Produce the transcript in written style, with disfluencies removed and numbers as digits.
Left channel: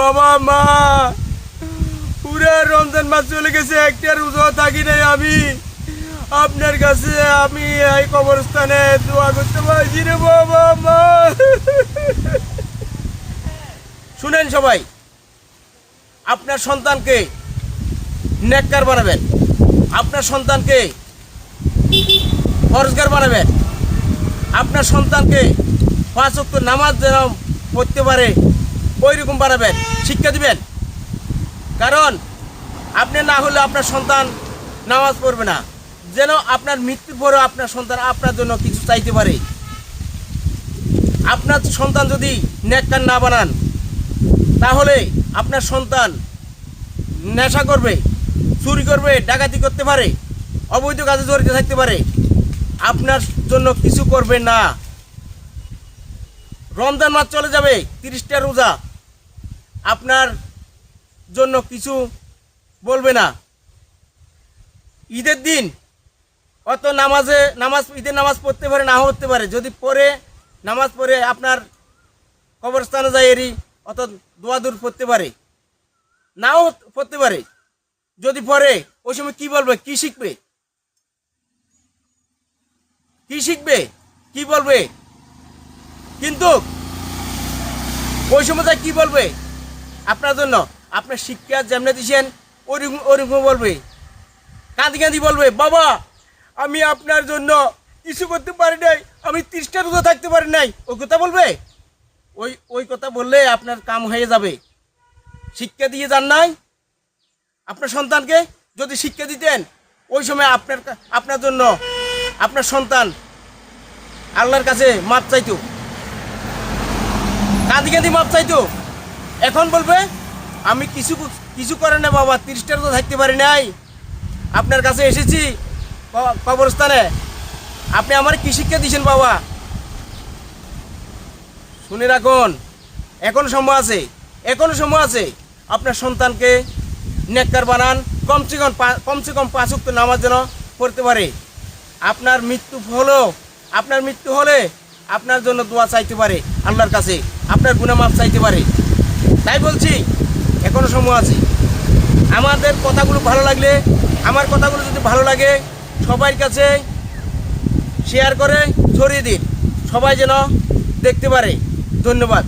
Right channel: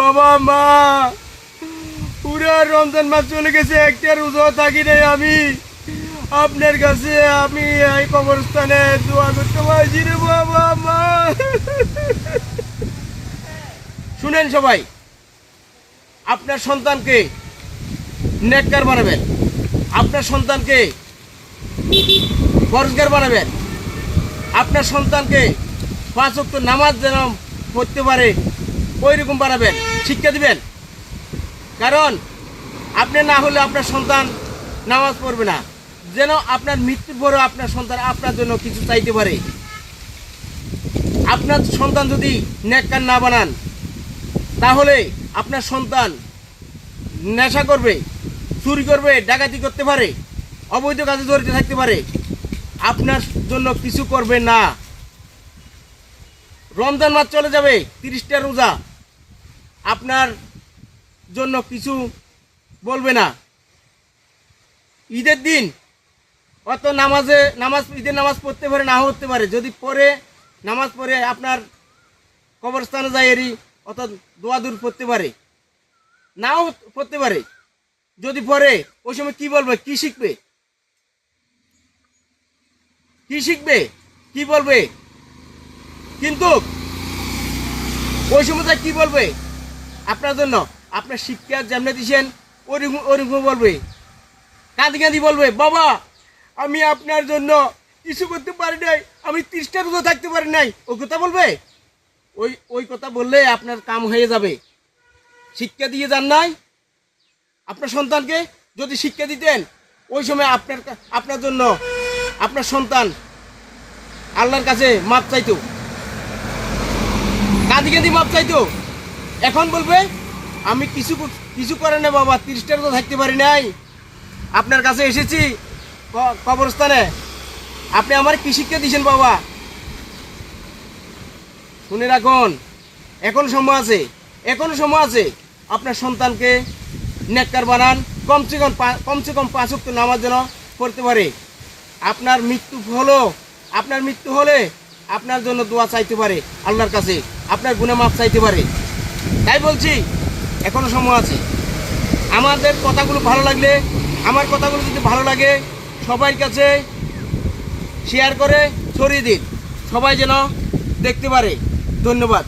বাবা মা, পুরা রমজান মাস চলে গেছে, একটা রোজা থাকি নাই আমি। আপনার কাছে আমি এই কবরস্থানে দোয়া করতে পারছি রে বাবা মা। শুনেন সবাই, আপনার সন্তানকে নেককার বানাবেন, আপনার সন্তানকে পরহেজগার বানাবেন, আপনার সন্তানকে 5 ওয়াক্ত নামাজ যেন পড়তে পারে ওই রকম বানাবেন, শিক্ষা দিবেন। কারণ আপনি না হলে আপনার সন্তান নামাজ পড়বে না, যেন আপনার মৃত্যুর পরেও আপনার সন্তান আপনার জন্য কিছু চাইতে পারে। আপনার সন্তান যদি নেককার না বানান, তাহলে আপনার সন্তান নেশা করবে, চুরি করবে, ডাকাতি করতে পারে, অবৈধ কাজে জড়িত থাকতে পারে, আপনার জন্য কিছু করবে না। রমজান মাস চলে যাবে, 30টা রোজা, আপনার জন্য কিছু বলবে না। ঈদের দিন অত ঈদের নামাজ পড়তে পারে, না হতে পারে, যদি পড়ে নামাজ পড়ে আপনার কবরস্থানে যায় এরই অত দোয়া দূর পড়তে পারে, নাও পড়তে পারে। যদি পড়ে ওই সময় কি বলবে, কি শিখবে, কি শিখবে, কি বলবে? কিন্তু ওই সময় কি বলবে আপনার জন্য? আপনার শিক্ষা যেমনি দিয়েছেন ওরকম বলবে, কাঁদি কাঁদি বলবে, বাবা আমি আপনার জন্য কিছু করতে পারি নাই, আমি 30টা রোজা থাকতে পারি নাই। ওই কথা বলবে? ওই কথা বললে আপনার কাম হয়ে যাবে। শিক্ষা দিয়ে যান নাই আপনার সন্তানকে। যদি শিক্ষা দিতেন ওই সময় আপনার জন্য আপনার সন্তান আল্লাহর কাছে মাপ চাইতো, কাঁদি কাঁদি মাপ চাইতো। এখন বলবে আমি কিছু করে না বাবা, 30টা রোজা থাকতে পারি নাই, আপনার কাছে এসেছি কবরস্থানে, আপনি আমার কি শিক্ষা দিয়েছেন বাবা? শুনে রাখুন, এখন সময় আছে, এখনো সময় আছে। আপনার সন্তানকে নেককার বানান, কমসে কম 5 ওয়াক্ত নামাজ যেন পড়তে পারে। আপনার মৃত্যু হলে আপনার জন্য দোয়া চাইতে পারে আল্লাহর কাছে, আপনার গুনাহ মাফ চাইতে পারে। তাই বলছি এখনো সময় আছে। আমাদের কথাগুলো ভালো লাগলে, আমার কথাগুলো যদি ভালো লাগে, সবার কাছে শেয়ার করে ছড়িয়ে দিন, সবাই যেন দেখতে পারে। ধন্যবাদ।